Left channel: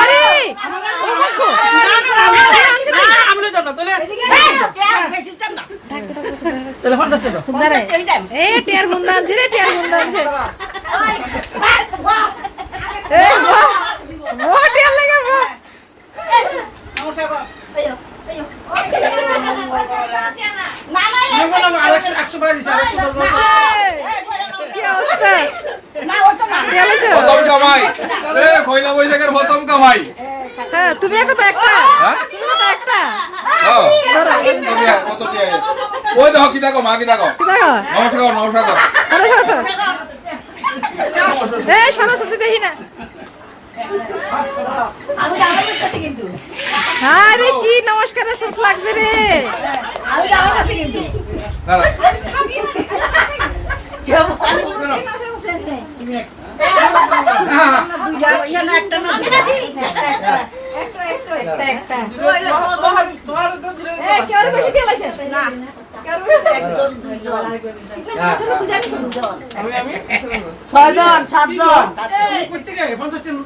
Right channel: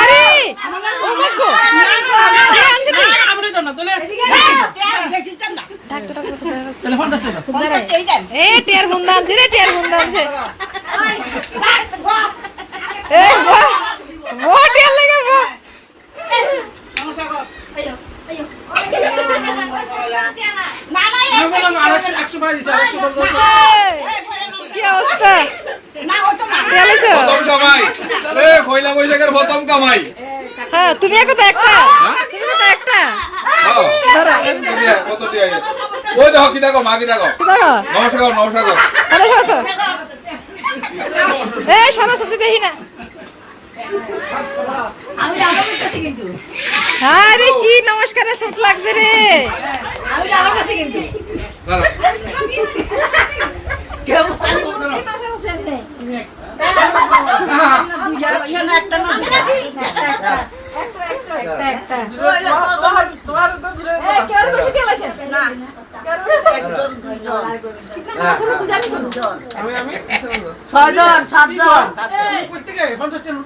আরে ও মাগো কে আনছে তুই আমলি তো না তোলে ডাক তো ডাক তোলে 50 টাকা এ টিয়ার বুন্দা আনছে রে টিয়ার বুন্দা আনছে এ বাহ ও টিয়ার লাগা বাহ কি অবস্থা প্রথম কামাই এ কইলা বৈশাখের প্রথম কামাই হ্যাঁ তুমি কত একটা তুমি কত একটা কত টিয়া ওই দেখো কি দেখো মা কি দেখো দেখো নমস্কার নমস্কার আরে শত এ সরস্বতী দেখি না আমি আমার কাছে কিন্তু আরে কি নমস্কারে সুট লাগছে রে আমি আমার কাছে কিন্তু ছয়জন সাতজন প্রত্যেকে 50 টাকা